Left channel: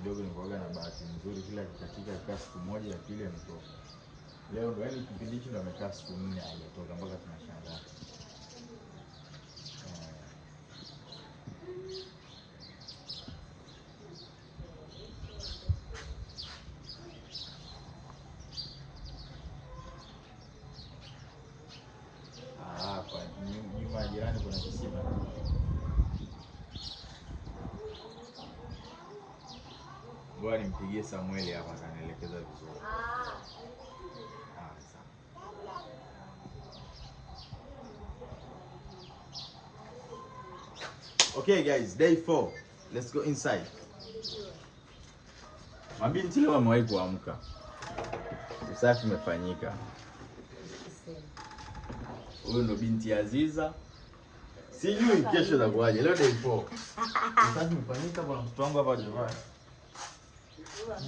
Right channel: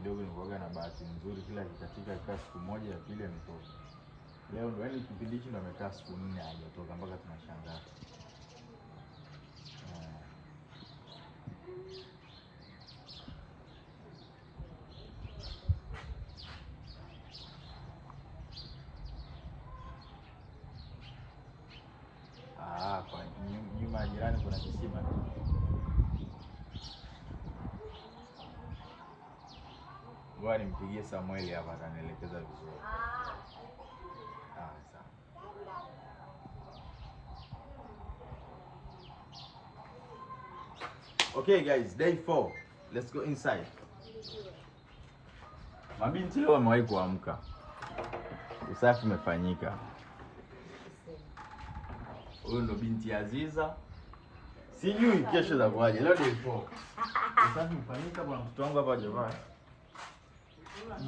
kidogo nilikuwa na bahati nzuri, kila kikatika kikaa siku moja, ya pili ametoka. Leo ndo yani kipindi hichi ndo amekaa siku 4 hajatoka mpaka tunashangaa. Kwa nyuma jirani kuna kisima. Ngoja nimpigie Samuel hapa atanielekeza vizuri. Sawa. Okay guys, day 4. Let's go inside. Mabinti leo wamewahi kuamka. Usafi umefanyika. Huyo ndo binti Aziza. Sijui kesho itakuwaje. Leo day 4. Usafi umefanyika kwa mtoto wangu hapa Jovani.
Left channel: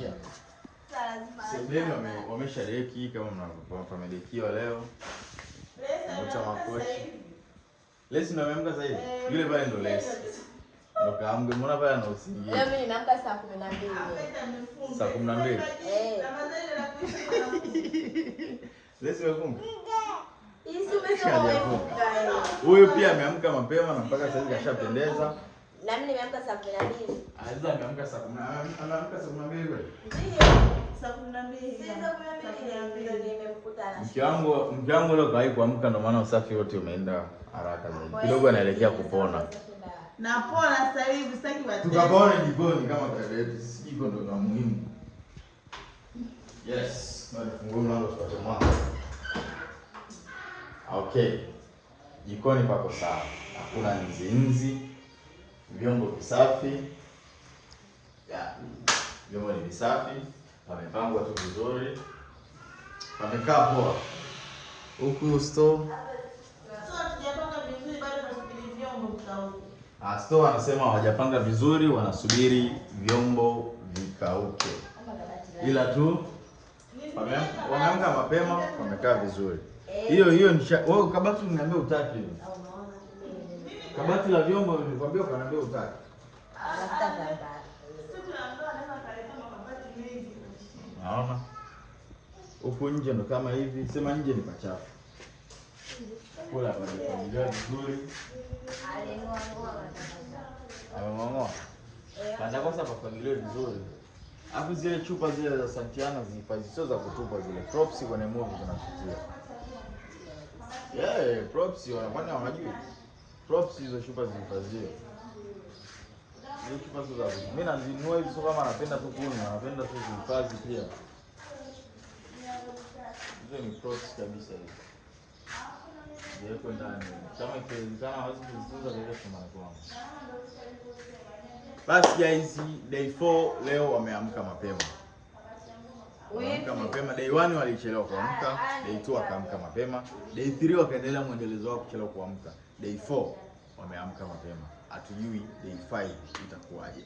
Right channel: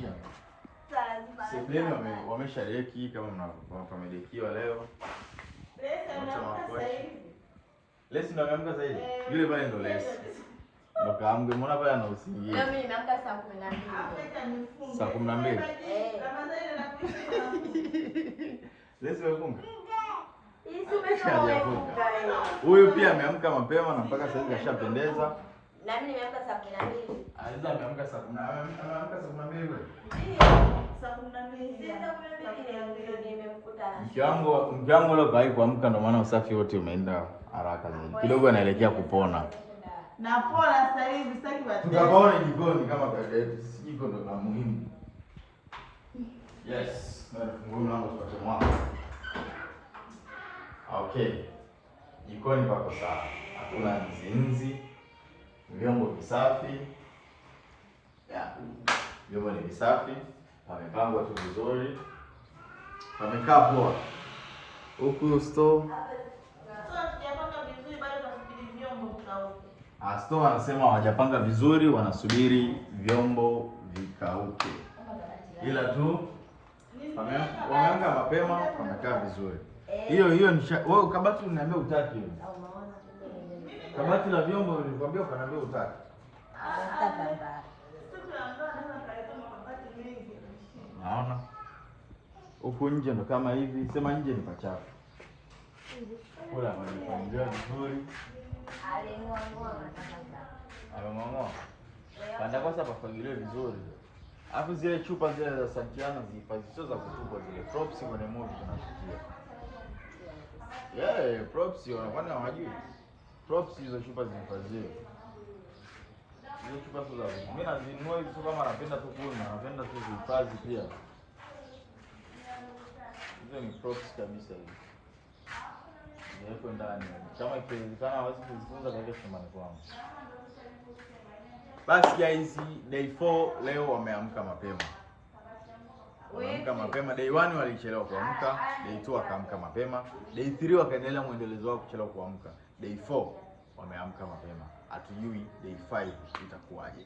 Yeah. Sebeni wameshadeki kama mnafamedekiwa leo. Lesi ndo ameamka sasa hivi. Yule pale ndo Lesi. Ndo kaamge, mbona pale ana usingizi. Leo mimi nimeamka saa 12. Saa 12. Lesi wafunga. Huyu pia ameamka mapema na mpaka sasa hivi kashapendeza. Na mimi nimeamka saa 12. Aziza ameamka saa 10. Anaamka saa 12 wewe? Saa 12 nimemkuta na. Mke wangu leo kai kuamka na maana usafi wote umeenda haraka zaidi. Kidogo anaelekea kupona. Napona sasa hivi, sitaki watu. Tukapona jikoni kama kawaida yetu. Jiko ndo la muhimu. Yes, na nifungua mlango kwa mwanzo. Okay. Jikoni pako sawa. Hakuna nzi. Vyombo visafi. Vyombo ni visafi. Pamepangwa tu vizuri. Pamekaa poa. Huku store. Store anasema hawajapanga vizuri, wanasubiri vyombo vikauke. Ila tu wameamka mapema, wamekaa vizuri. Hiyo ni wewe kabati unaniambia utaki hiyo. Kabati la vyombo nilikwambia ukaniambia utaki. Naona. Huku nje ndo kama hivi, sema nje ni pachafu. Kula pamepangiliwa vizuri. Amengoa. Panda kosa papangiliwe vizuri. Alafu zile chupa zile za Santiana zihifadhi, sio za kutupa zile. Props kwenye movie tunafikia. Props kwani hawajui. Props hizo chupa zihifadhiwe. Hizo chupa sio za kutupa. Mimi nazinunua hizo kama napenda tu kunywa, napenda tu kuhifadhi pia. Hizo ni props kabisa hizo. Yeko ndani. Kama ikiwezekana hawezi kuzitunza katika shambani kwangu. Basi guys, day 4 leo wameamka mapema. Wameamka mapema. Day 1 walichelewa kuamka, day 2 wakaamka mapema, day 3 wakaendelea muendelezo wao kuchelewa kuamka. Day 4 wameamka mapema. Hatujui day 5 itakuwaje.